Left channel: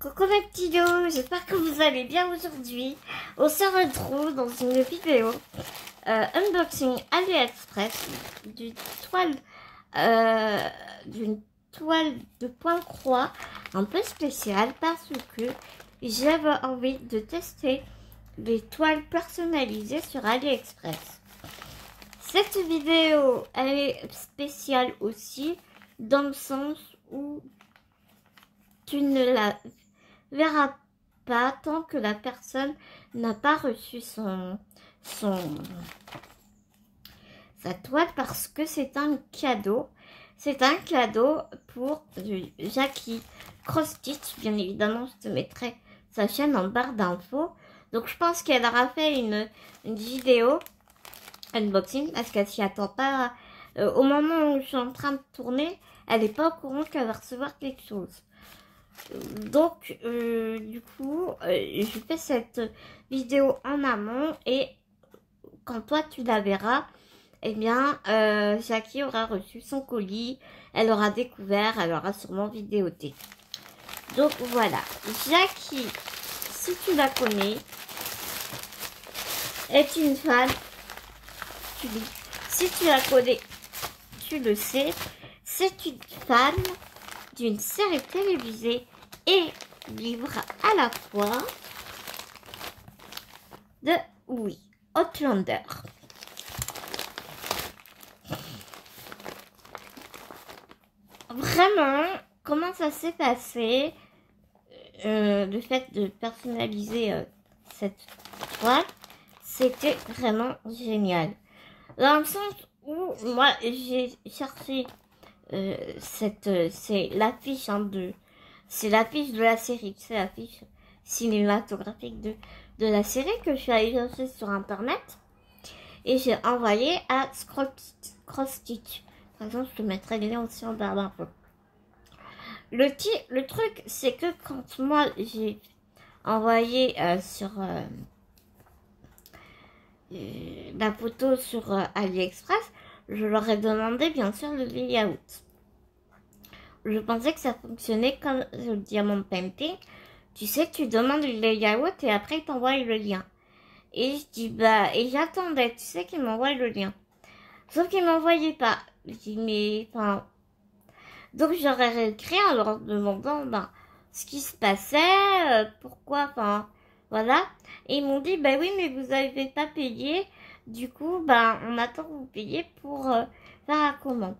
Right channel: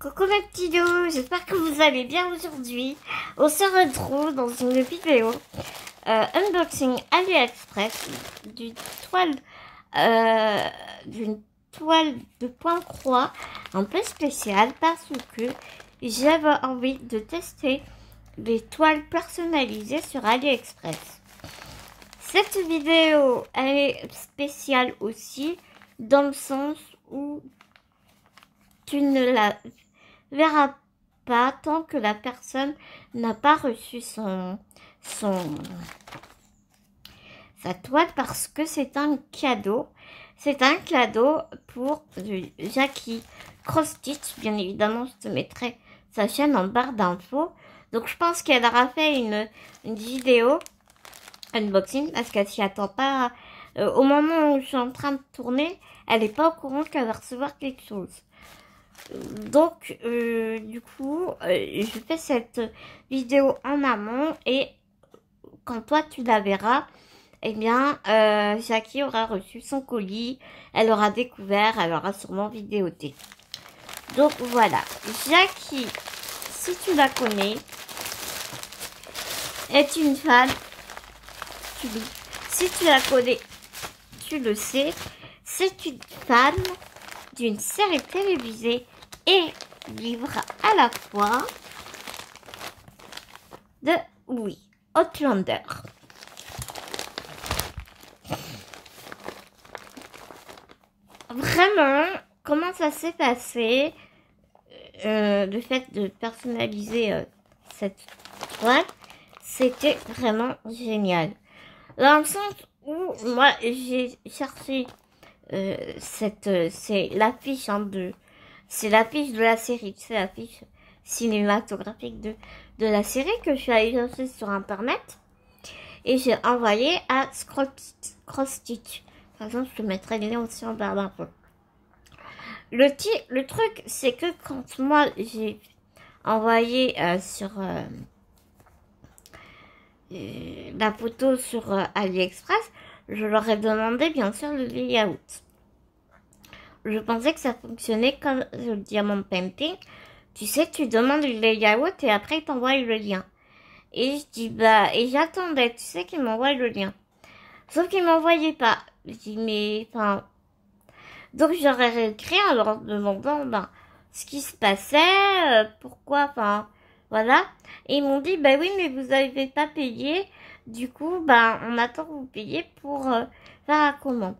Coucou mes petits loups, j'espère que vous allez bien aujourd'hui. On se retrouve dans une vidéo unboxing AliExpress d'une toile, de point croix un peu spéciale parce que j'avais envie de tester les toiles personnalisées sur AliExpress. Cette vidéo elle est spéciale aussi dans le sens où tu ne la verras pas tant que la personne n'a pas reçu sa toile, parce que c'est un cadeau. C'est un cadeau pour Jackie Cross Stitch. Bien évidemment, je te mettrai sa chaîne en barre d'infos. Donc je pense qu'elle aura fait une vidéo unboxing parce qu'elle s'y attend pas. Au moment où je suis en train de tourner, elle n'est pas au courant qu'elle va recevoir quelque chose. Donc, du coup, je fais cette vidéo en amont et quand toi tu la verras, eh bien, Jackie aura reçu son colis, elle aura découvert, elle aura sûrement vidéoté. Donc voilà, Jackie, si tu la connais, est une fan, si tu la connais, tu le sais, c'est une fan d'une série télévisée et livre à la fois de, oui, Outlander. Vraiment, comment ça s'est passé, le fait de personnaliser cette toile, c'était vraiment génial. Dans le sens où moi j'ai cherché c'est l'affiche c'est l'affiche de la série, c'est l'affiche cinématographique de la série que je suis allée chercher sur internet et j'ai envoyé à Cross Stitch. Par exemple, je te mettrai les liens aussi en barre d'infos. Le truc, c'est que quand moi j'ai envoyé sur la photo sur AliExpress, je leur ai demandé bien sûr le layout. Je pensais que ça fonctionnait comme le diamond painting. Tu sais, tu demandes le layout et après ils t'envoient le lien. Et je dis bah, et j'attendais, tu sais, qu'ils m'envoient le lien. Sauf qu'ils m'envoyaient pas. Je dis mais enfin. Donc j'aurais réécrit en leur demandant ben, ce qui se passait, pourquoi, enfin voilà. Et ils m'ont dit bah oui mais vous n'avez pas payé. Du coup, ben, on attend que vous payiez pour faire la commande.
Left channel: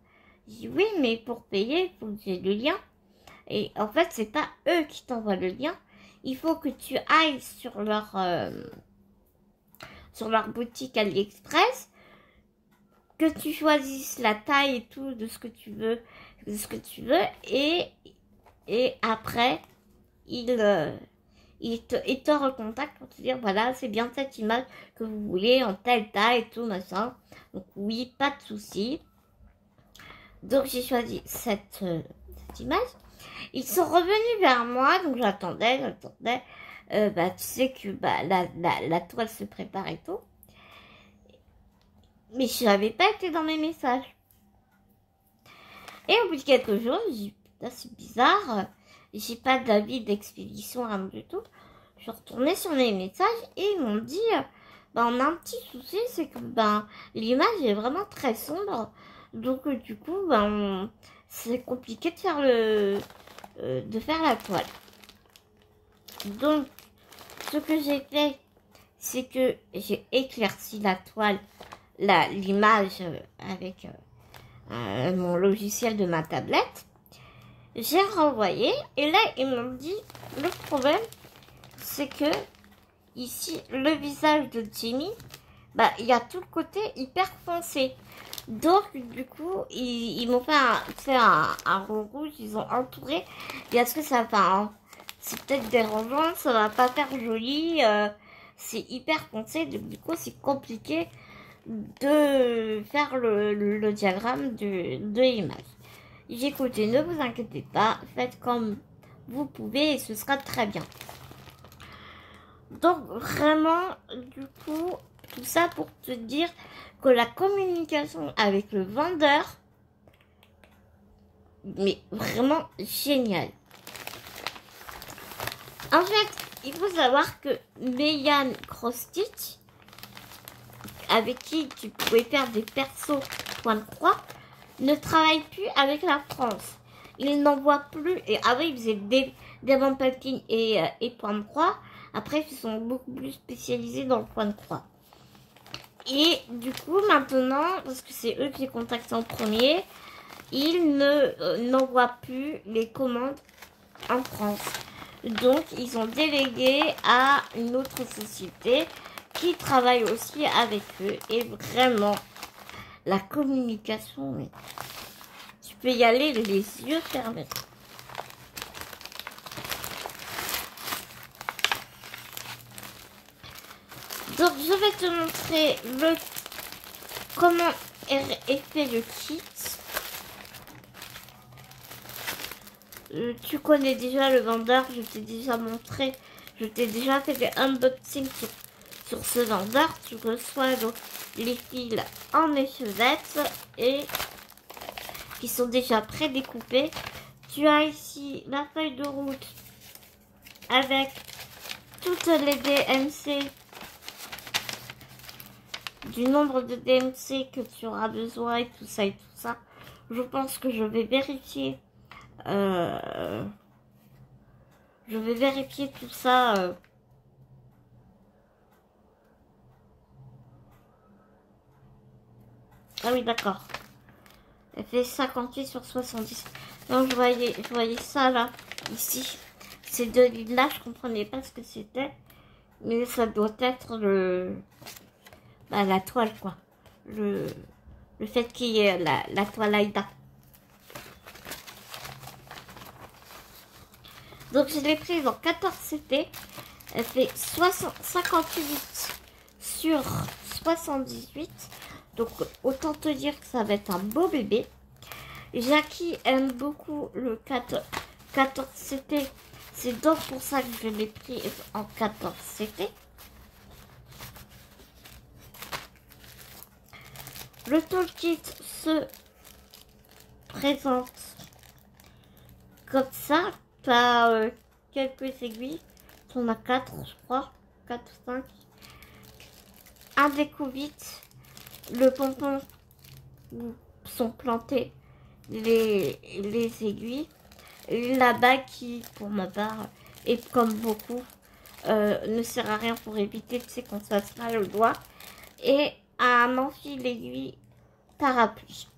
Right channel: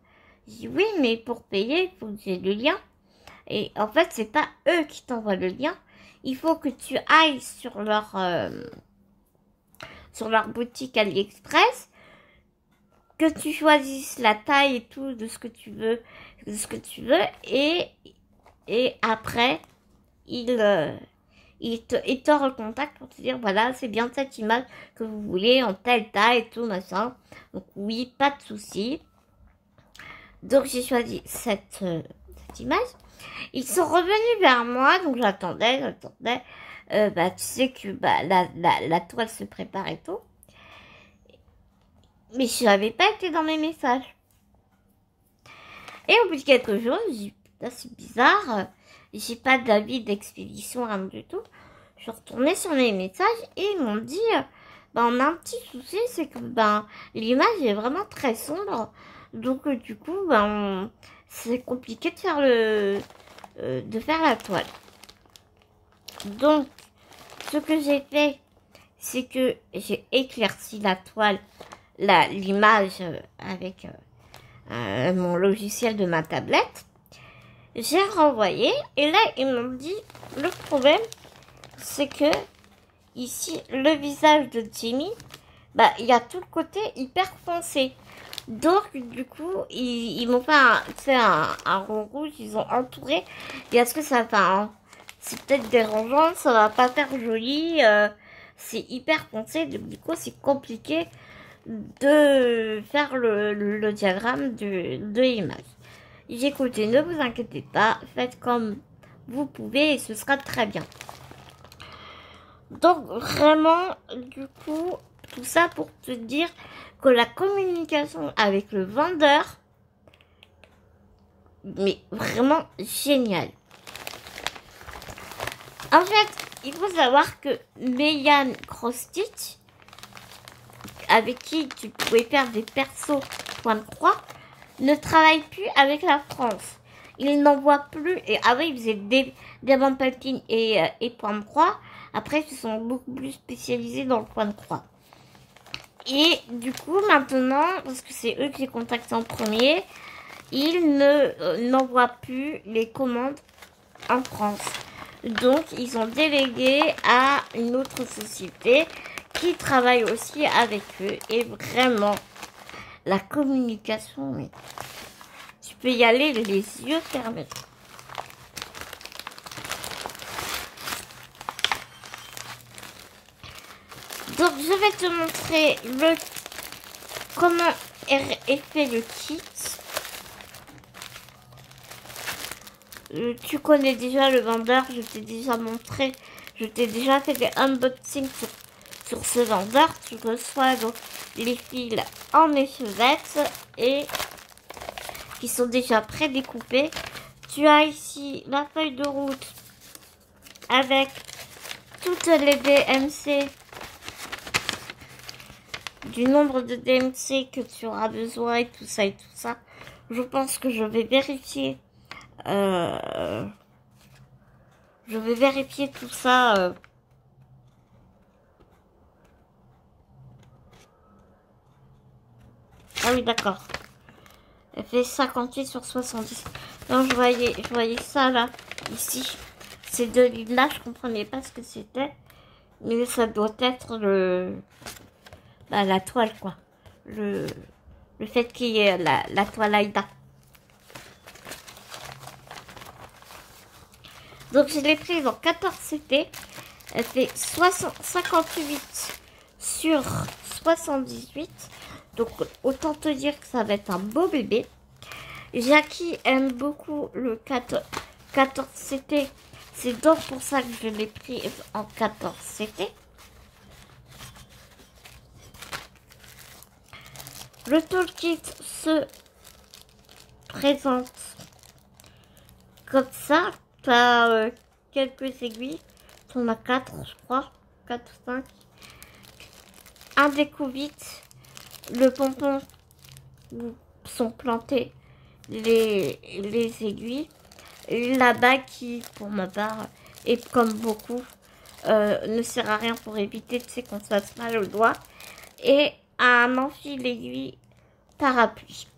Je dis oui, mais pour payer, il faut que j'ai le lien. Et en fait, c'est pas eux qui t'envoient le lien. Il faut que tu ailles sur leur boutique AliExpress, que tu choisisses la taille et tout de ce que tu veux, et après, ils te recontactent pour te dire voilà, c'est bien cette image que vous voulez en telle taille et tout machin. Donc oui, pas de souci. Donc j'ai choisi cette image. Ils sont revenus vers moi, donc j'attendais. Bah tu sais que bah la toile se prépare et tout. Mais je n'avais pas été dans mes messages. Et au bout de quelques jours, j'ai dit c'est bizarre. J'ai pas d'avis d'expédition, rien du tout. Je suis retournée sur mes messages et ils m'ont dit ben, on a un petit souci, c'est que ben, l'image est vraiment très sombre. Donc du coup, ben, c'est compliqué de faire la toile. Donc, ce que j'ai fait, c'est que j'ai éclairci la toile, l'image avec mon logiciel de ma tablette. J'ai renvoyé et là ils m'ont dit le problème c'est que ici le visage de Jimmy, bah il y a tout le côté hyper foncé. Donc du coup ils m'ont fait un rond rouge, ils ont entouré. Et est-ce que ça va c'est peut-être dérangeant, ça va pas faire joli, c'est hyper foncé, donc du coup c'est compliqué de faire le diagramme de l'image. J'ai écouté, ne vous inquiétez pas, faites comme vous pouvez et ce sera très bien. Donc vraiment, du coup, tout ça pour te dire que la communication avec le vendeur, mais vraiment génial. En fait, il faut savoir que Megan Cross-Stitch, avec qui tu pouvais faire des persos point de croix, ne travaille plus avec la France. Il n'en voit plus. Et avant, il faisait des Diamant Painting et point de croix. Après, ils se sont beaucoup plus spécialisés dans le point de croix. Et du coup, maintenant, parce que c'est eux qui les contactent en premier, ils n'envoient plus les commandes en France. Donc, ils ont délégué à une autre société qui travaille aussi avec eux. Et vraiment, la communication, mais tu peux y aller les yeux fermés. Donc, je vais te montrer comment est fait le kit. Tu connais déjà le vendeur, je t'ai déjà montré, je t'ai déjà fait des unboxings sur ce vendeur. Tu reçois donc les fils en échevette et qui sont déjà prédécoupés. Tu as ici la feuille de route avec toutes les DMC, du nombre de DMC que tu auras besoin et tout ça et tout ça. Je pense que je vais vérifier. Tout ça. Ah oui, d'accord. Elle fait 58 sur 70. Donc je voyais ça là, ici. Ces deux lignes-là, je comprenais pas ce que c'était. Mais ça doit être la toile, quoi. Le fait qu'il y ait la toile Aïda. Donc je l'ai prise en 14 CT. Elle fait 58 sur 78. Donc autant te dire que ça va être un beau bébé. Jackie aime beaucoup le 14 CT. C'est donc pour ça que je l'ai pris en 14 CT. Le toolkit se présente comme ça. Tu as quelques aiguilles. Tu en as 4, je crois. 4 ou 5. Un découvite. Le pompon où sont plantées les aiguilles. La bague qui, pour ma part, et comme beaucoup, ne sert à rien pour éviter qu'on se fasse mal au doigt. Et un enfile aiguille parapluie.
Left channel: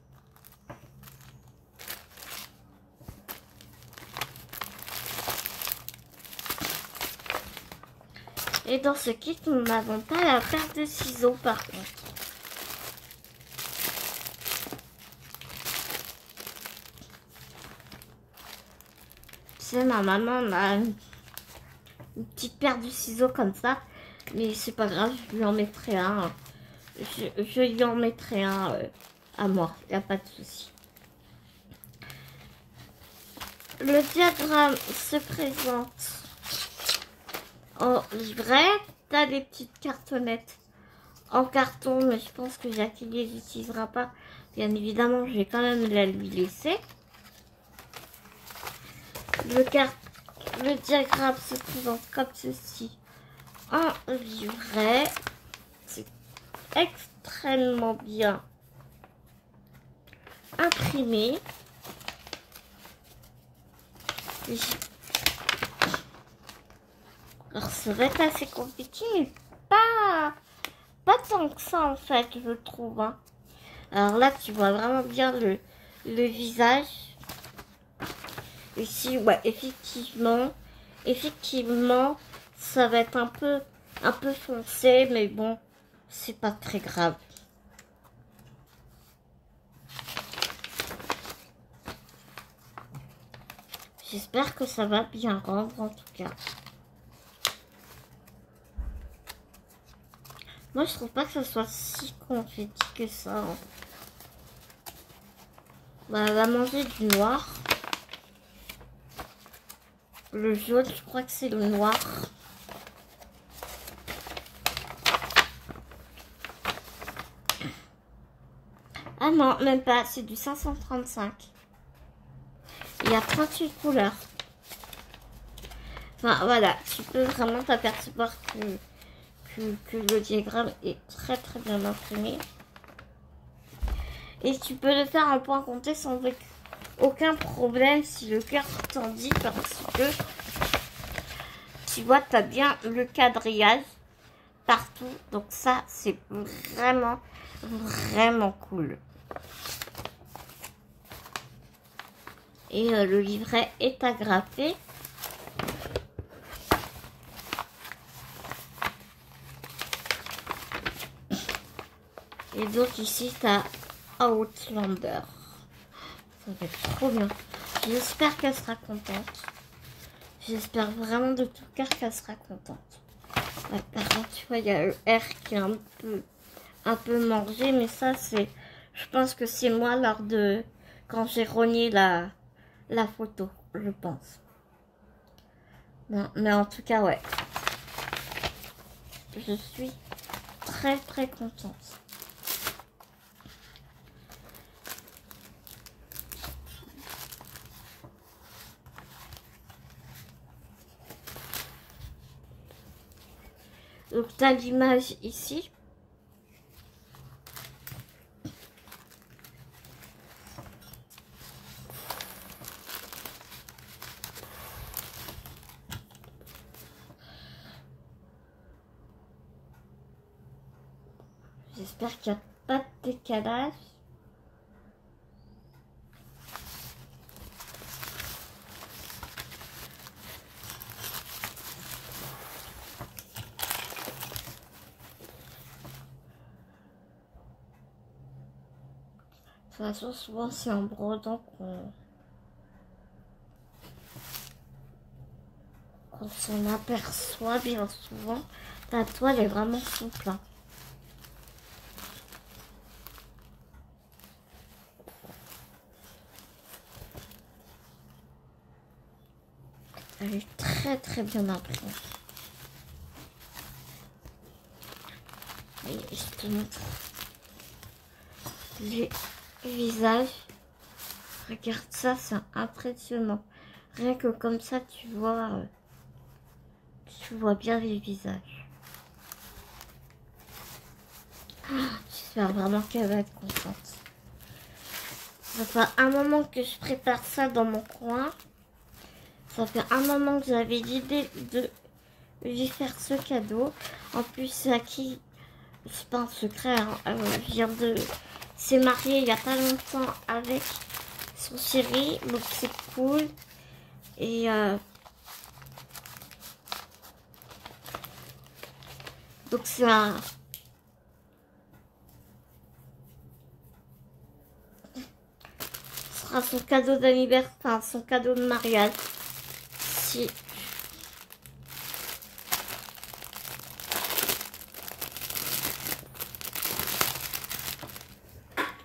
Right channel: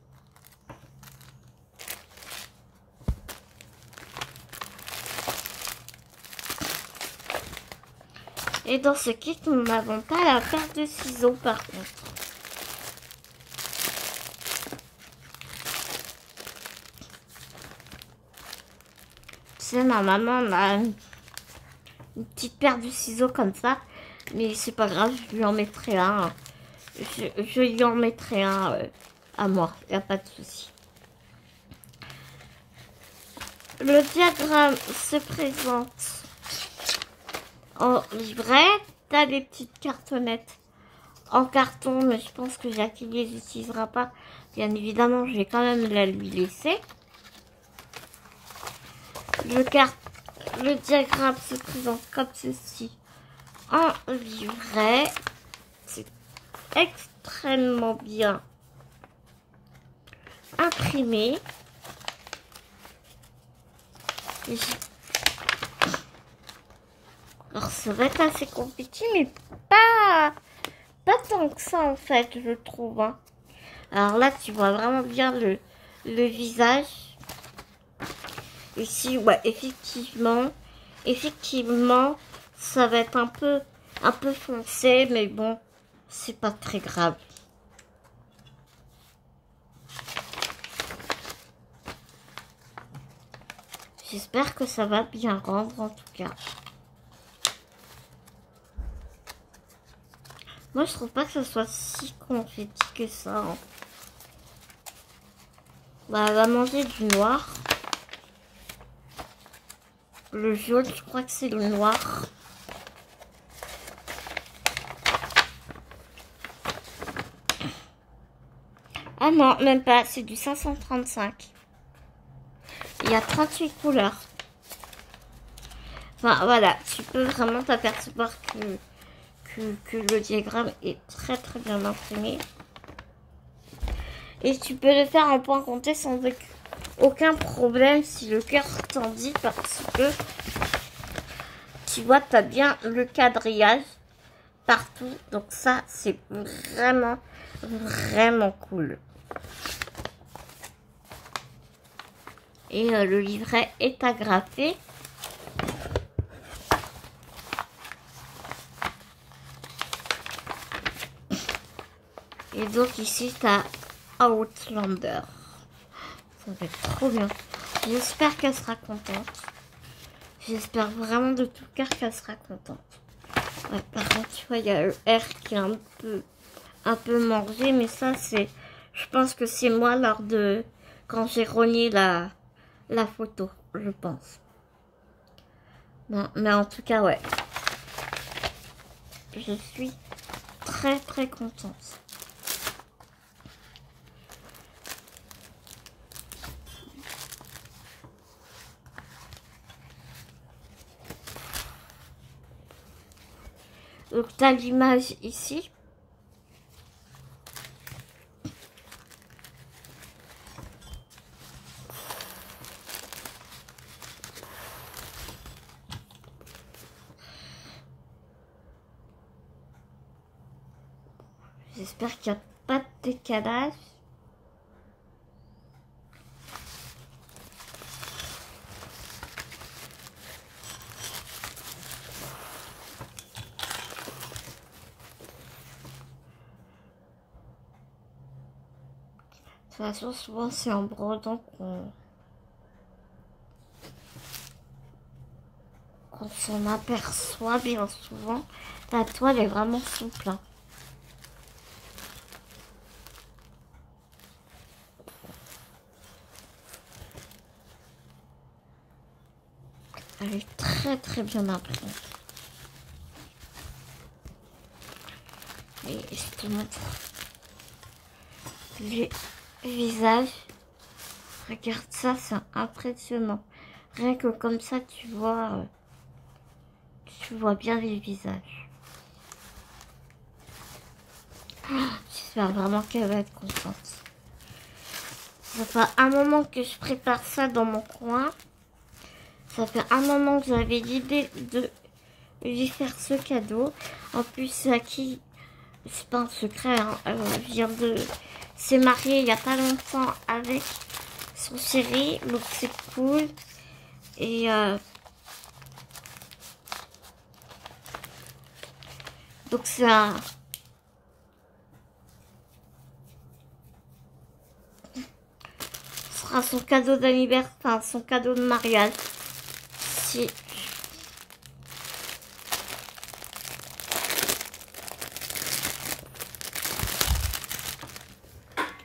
Et dans ce kit, nous n'avons pas la paire de ciseaux par contre. Tu sais, ma maman a une petite paire de ciseaux comme ça. Mais c'est pas grave, je lui en mettrai un. Je lui en mettrai un à moi, il n'y a pas de souci. Le diagramme se présente en livret. Tu as des petites cartonnettes en carton, mais je pense que Jackie ne les utilisera pas. Bien évidemment, je vais quand même la lui laisser. Le diagramme se présente comme ceci en livret. C'est extrêmement bien imprimé. Alors ça va être assez compliqué, mais pas tant que ça en fait, je trouve. Hein. Alors là, tu vois vraiment bien le visage. Ici, ouais, effectivement, ça va être un peu foncé, mais bon, c'est pas très grave. J'espère que ça va bien rendre en tout cas. Moi, je trouve pas que ce soit si confetti que ça. Hein. Bah, elle va manger du noir. Le jaune, je crois que c'est le noir. Ah non, même pas, c'est du 535. Il y a 38 couleurs. Enfin, voilà, tu peux vraiment t'apercevoir que le diagramme est très très bien imprimé. Et tu peux le faire en point compté sans aucun problème si le cœur t'en dit, parce que tu vois, tu as bien le quadrillage partout. Donc ça, c'est vraiment, vraiment cool. Et le livret est agrafé. Et donc ici, tu as Outlander. Ça va être trop bien. J'espère qu'elle sera contente. J'espère vraiment de tout cœur qu'elle sera contente. Par contre, tu vois, il y a le R qui est un peu mangé, mais ça, c'est... Je pense que c'est moi lors de... Quand j'ai rogné la photo, je pense. Non, mais en tout cas, ouais. Je suis très, très contente. Donc, tu as l'image ici. J'espère qu'il n'y a pas de décalage. De toute façon, souvent c'est en brodant qu'on s'en aperçoit bien souvent. La toile est vraiment souple. Hein. Elle est très très bien imprimée. Et je te montre les visages. Regarde ça, c'est impressionnant. Rien que comme ça, tu vois bien les visages. J'espère vraiment qu'elle va être contente. Ça fait un moment que je prépare ça dans mon coin. Ça fait un moment que j'avais l'idée de lui faire ce cadeau. En plus, qui, c'est pas un secret, hein, s'est mariée il y a pas longtemps avec son chéri, donc c'est cool. Et donc c'est un... Ce sera son cadeau d'anniversaire, enfin son cadeau de mariage. Si.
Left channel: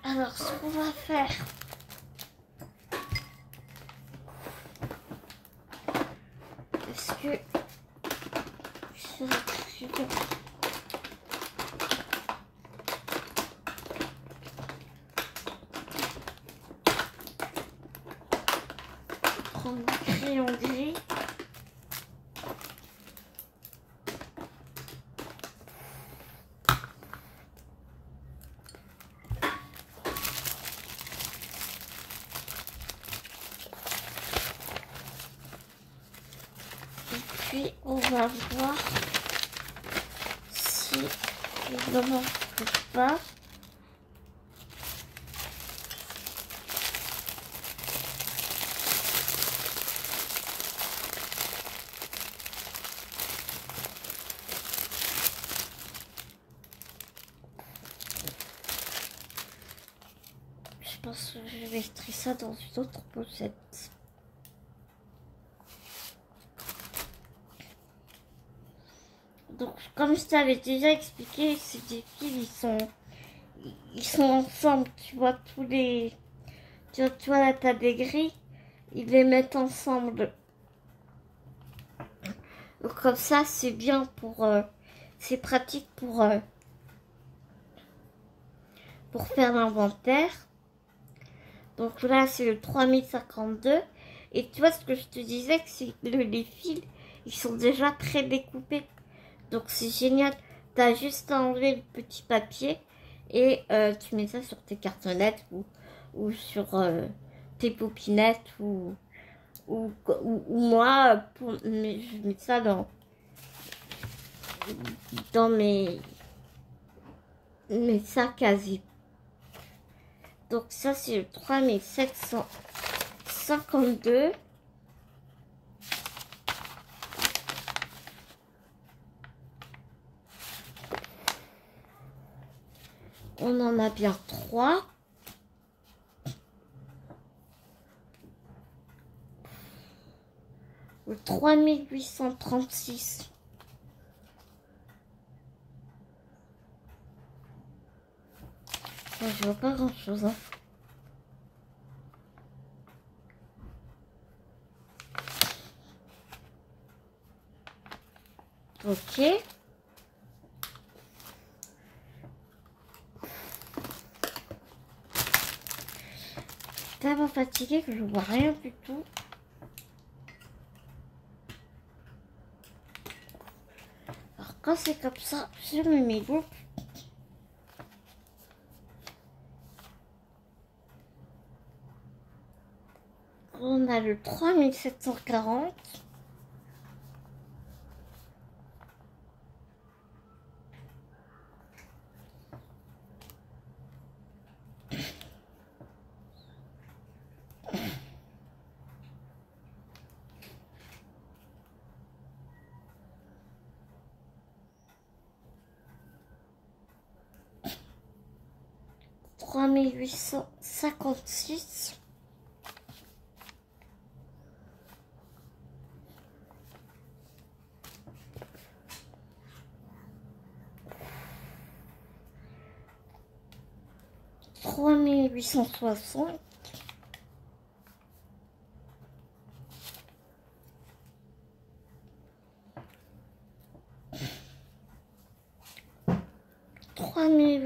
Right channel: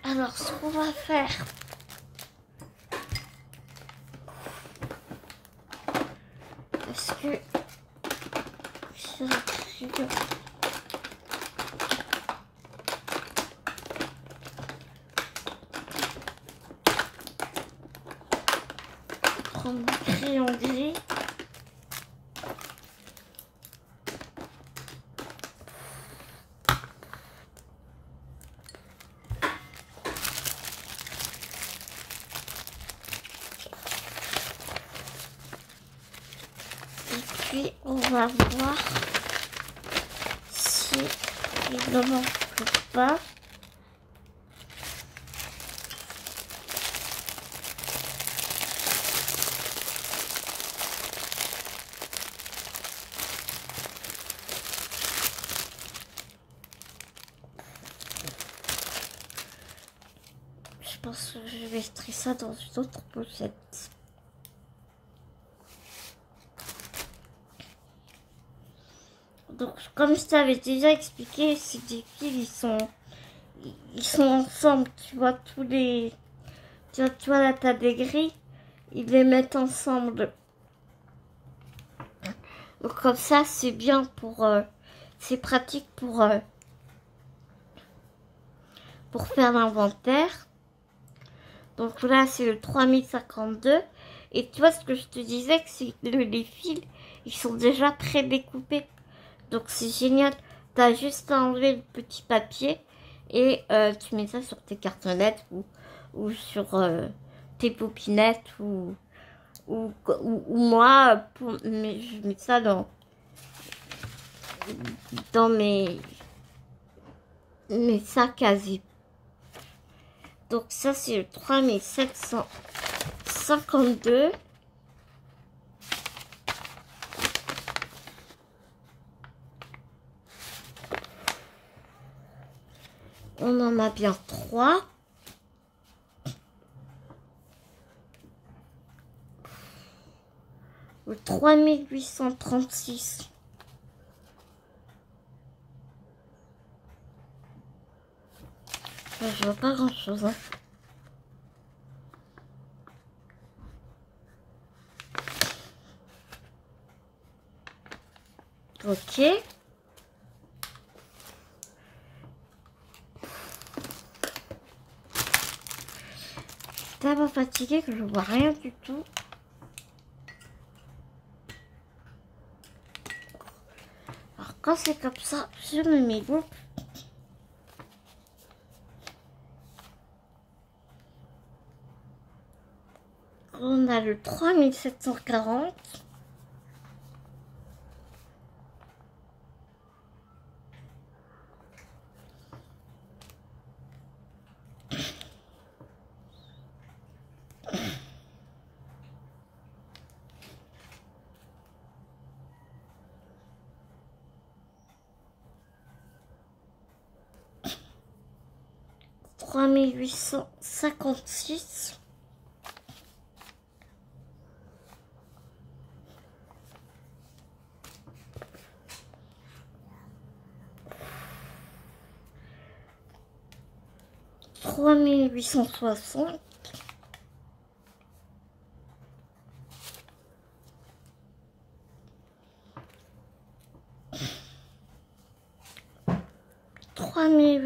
Alors, ce qu'on va faire, est-ce que je vais prendre le crayon gris. Puis on va voir si il ne manque pas. Je pense que je vais mettre ça dans une autre pochette. Donc, comme je t'avais déjà expliqué, ces deux fils, ils sont ensemble, tu vois, tu vois la table des gris, ils les mettent ensemble. Donc, comme ça, c'est bien c'est pratique pour faire l'inventaire. Donc là, c'est le 3052. Et tu vois, ce que je te disais, c'est que les fils, ils sont déjà pré-découpés. Donc c'est génial. T'as juste à enlever le petit papier et tu mets ça sur tes cartonnettes ou sur tes popinettes ou moi, je mets ça dans mes sacs à zip. Donc ça c'est le 3752. On en a bien 3. Le 3836. Je vois pas grand chose. Hein. Ok. Tellement fatiguée que je vois rien du tout. Alors quand c'est comme ça, je me mets groupe. On a le 3740. Huit cent cinquante-six. Trois mille huit cent soixante.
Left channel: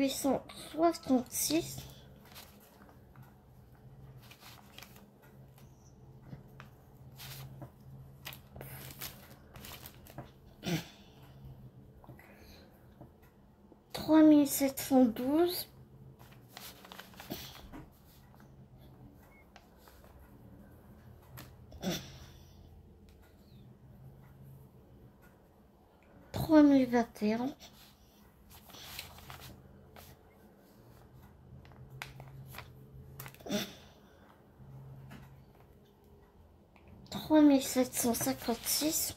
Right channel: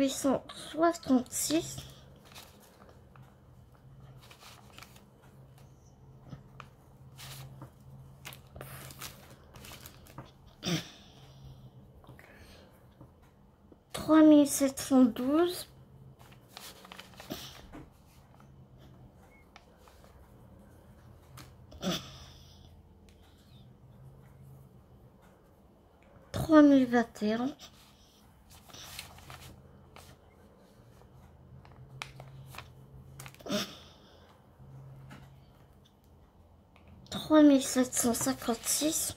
3866. 3712. 3021. 3756.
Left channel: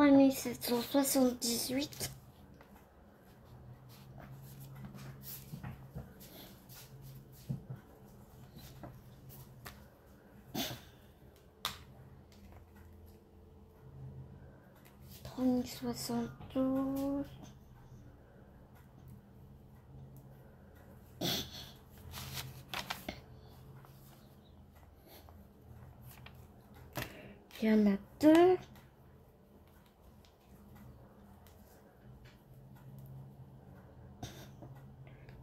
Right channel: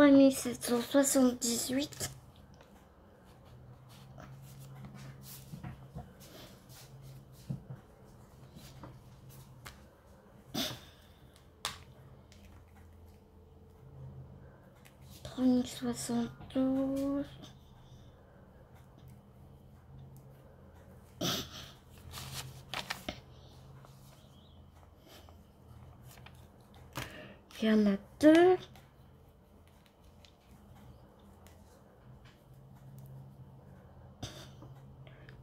3778. 3072. Il y en a deux.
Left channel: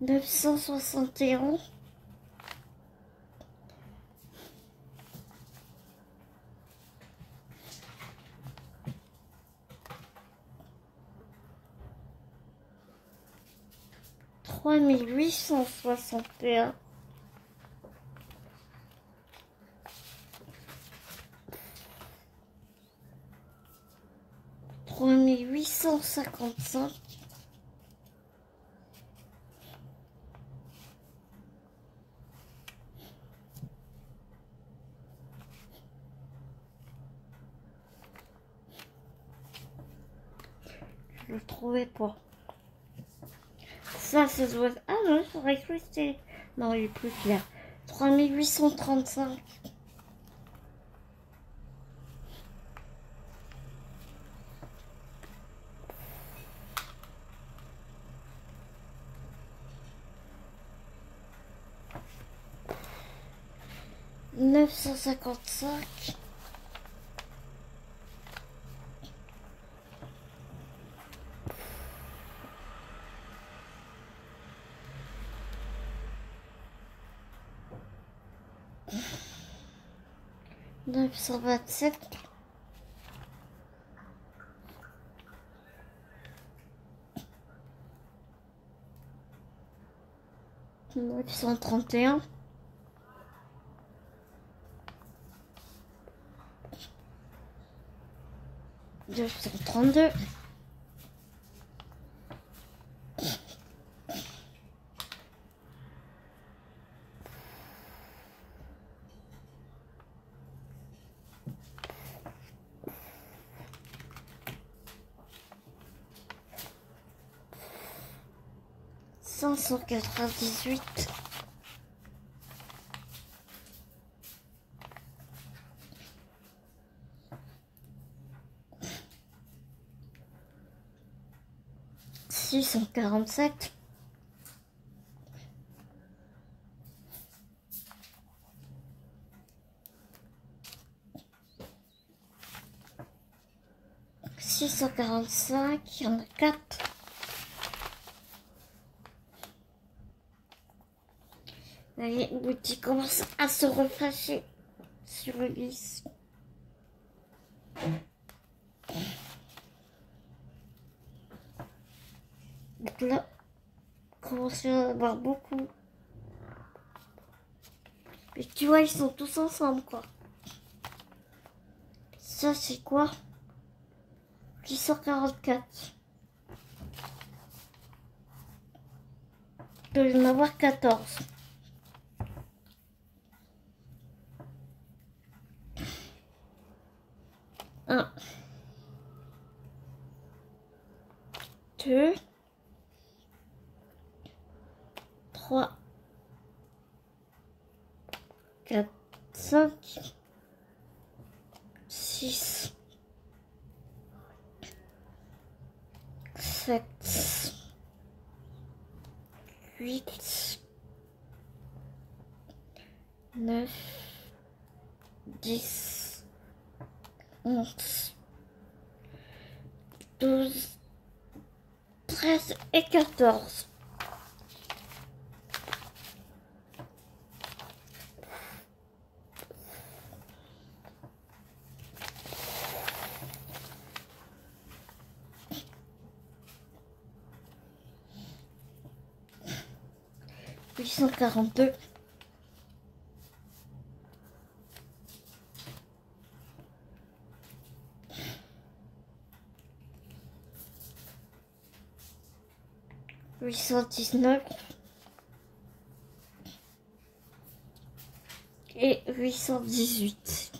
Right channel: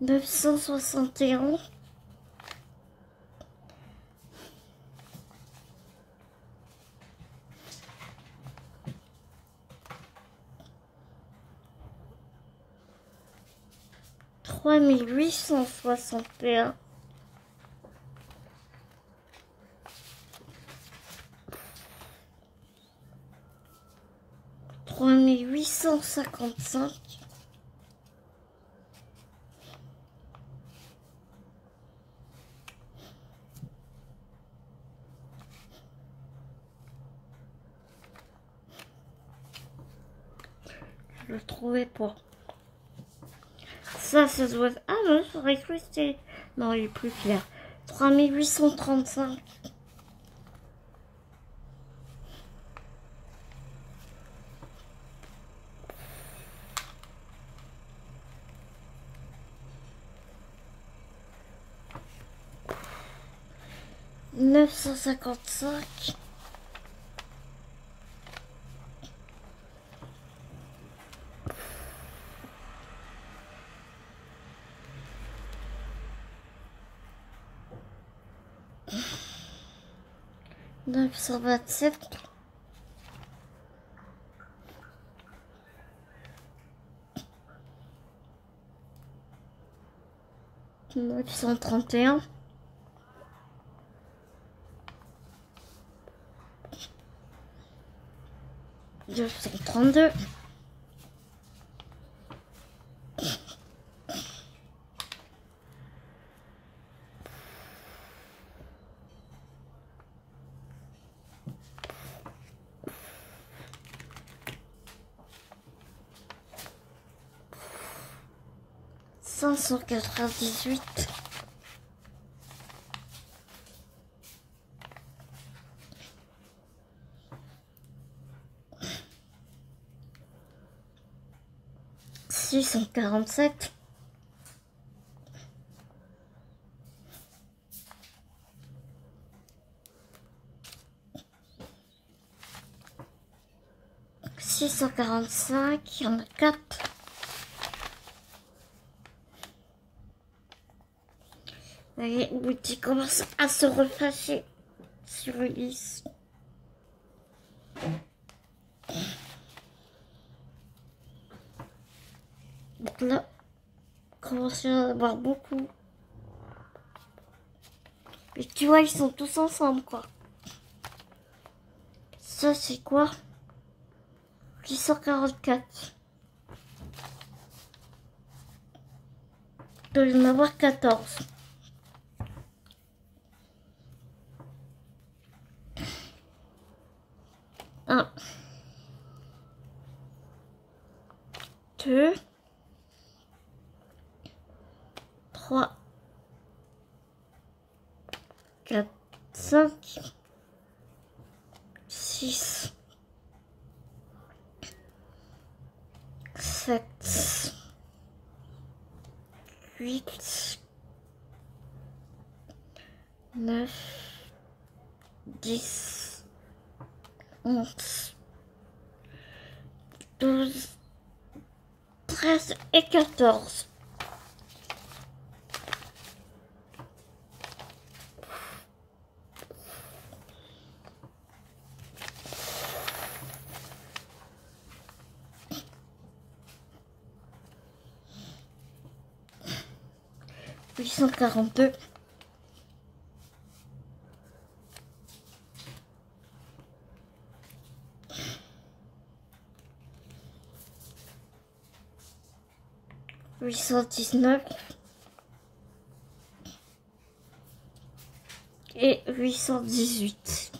961. 3861. 3855. Je le trouvais pas. Ça doit être... Ah non, j'aurais cru que c'était... Non, il est plus clair. 3835. 955. 927. 931. 932. 598. 647. 645, il y en a 4. Vous voyez, l'outil commence à se refâcher sur le lisse. Donc là, on commence à en avoir beaucoup. Et tu vois, ils sont tous ensemble, quoi. Ça, c'est quoi? 844. Il doit y en avoir 14. Un. 2. 3. 4. 5. 6. 7. 8. 9. 10. 11. 12. 13 et 14. Huit cent 42. 819 et 818.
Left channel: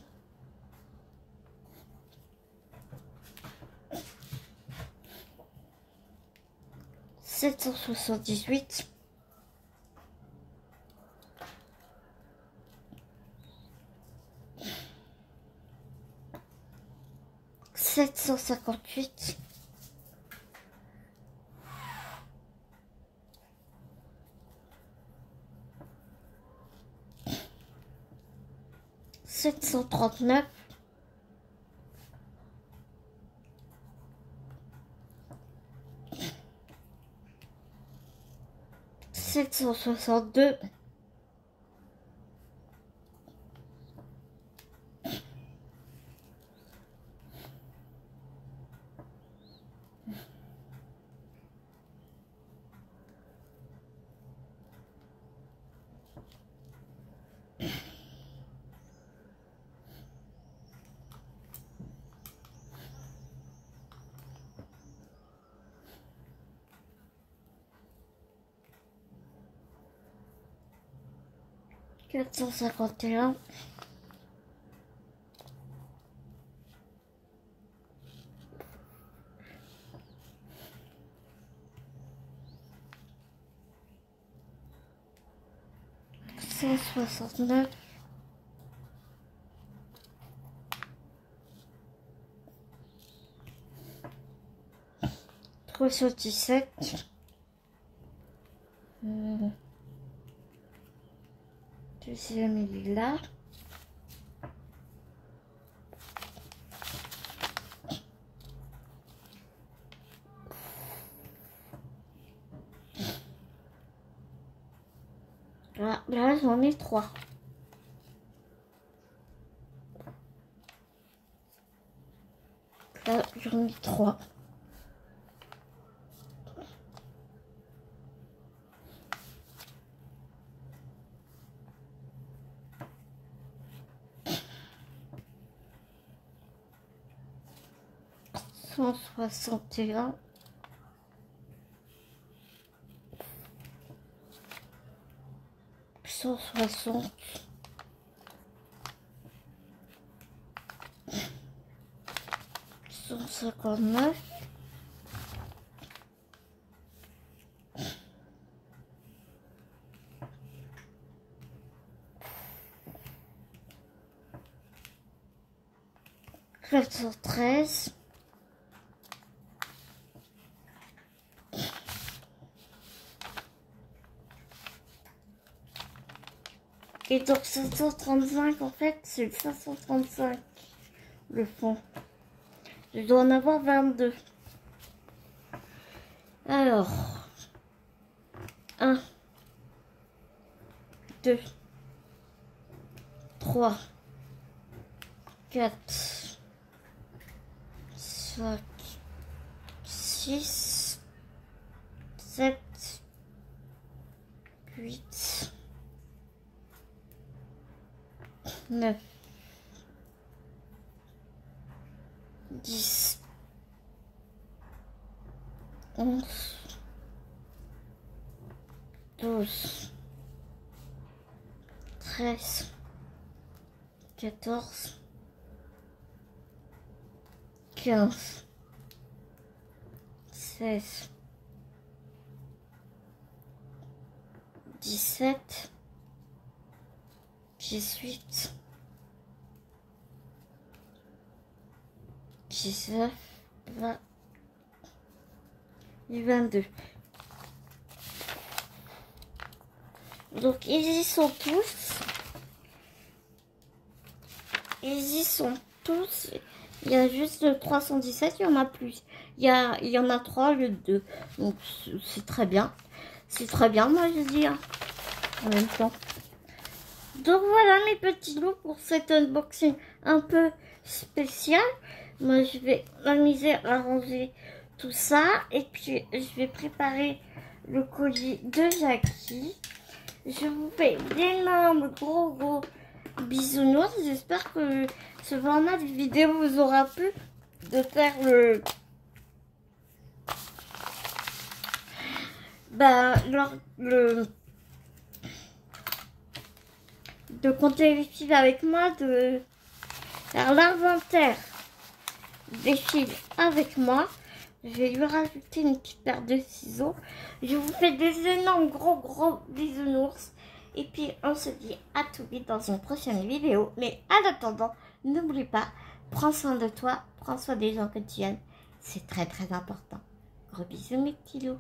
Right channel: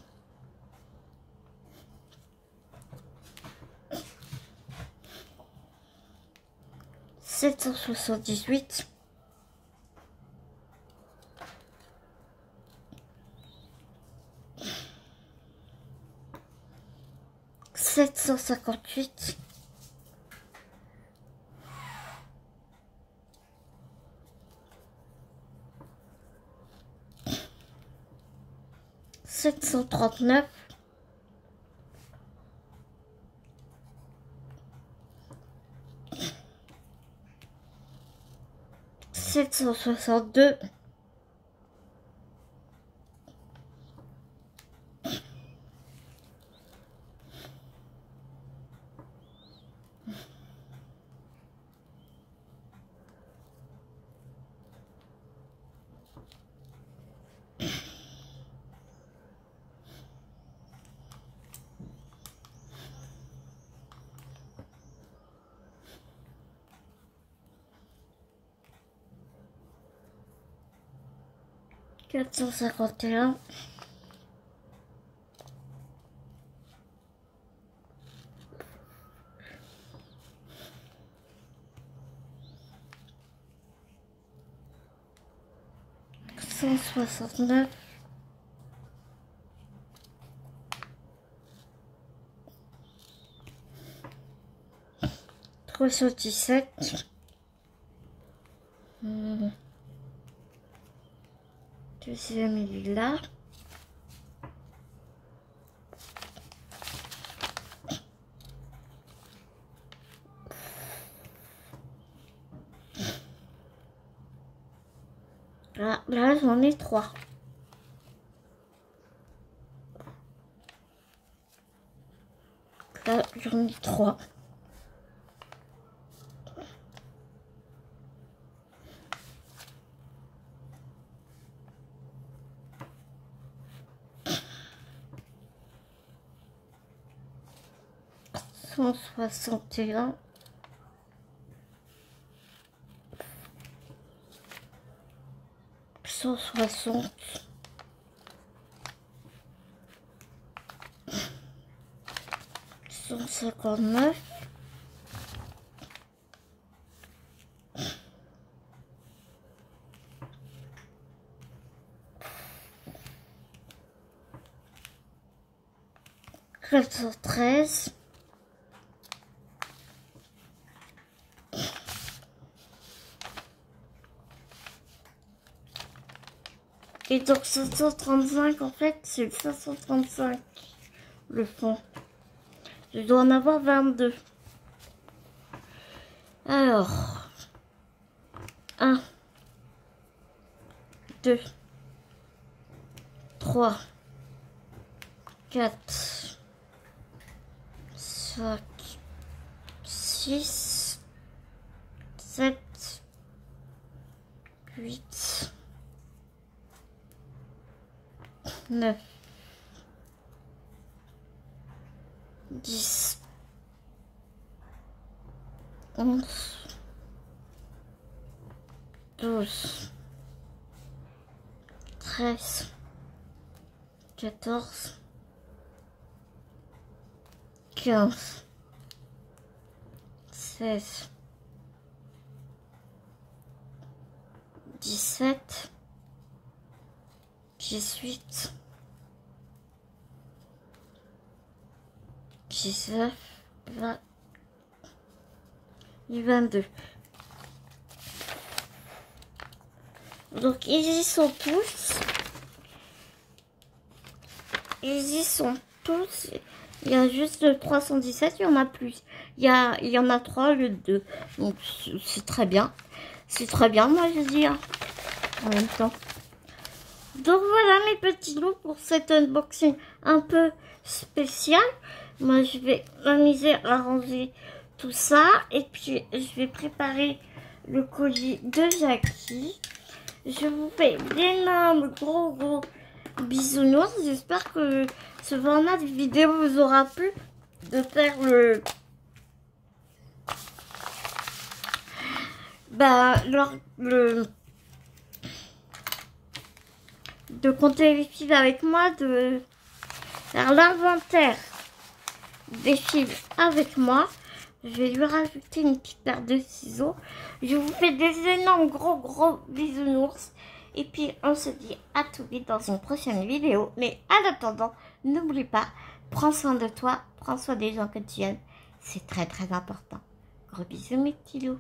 778. 758. 739. 762. 451. 169. 317. Deuxième, il est là. Là j'en ai 3. J'en ai 3. Cent 61. 160. 159. 413. Et donc 535 en fait c'est le 535 le fond. Je dois en avoir 22. Alors 1 2 3 4 5 6 7 8 9 10 11 12 13 14 15 16 17 18 19 20 et 22. Donc ils y sont tous. Ils y sont tous. Il y a juste le 317, il y en a plus. Il y en a 3 au lieu de 2. Donc c'est très bien. C'est très bien, moi je dis. Hein, en même temps. Donc voilà mes petits loups pour cet unboxing un peu spécial. Moi je vais m'amuser à ranger tout ça. Et puis je vais préparer le colis de Jackie. Je vous fais d'énormes gros bisounours. J'espère que ce format de vidéo vous aura plu. De faire de compter les fils avec moi, de faire l'inventaire des fils avec moi. Je vais lui rajouter une petite paire de ciseaux. Je vous fais des énormes gros bisounours. Et puis on se dit à tout vite dans une prochaine vidéo. Mais en attendant, n'oublie pas, prends soin de toi, prends soin des gens que tu aimes. C'est très important. Gros bisous mes petits loups.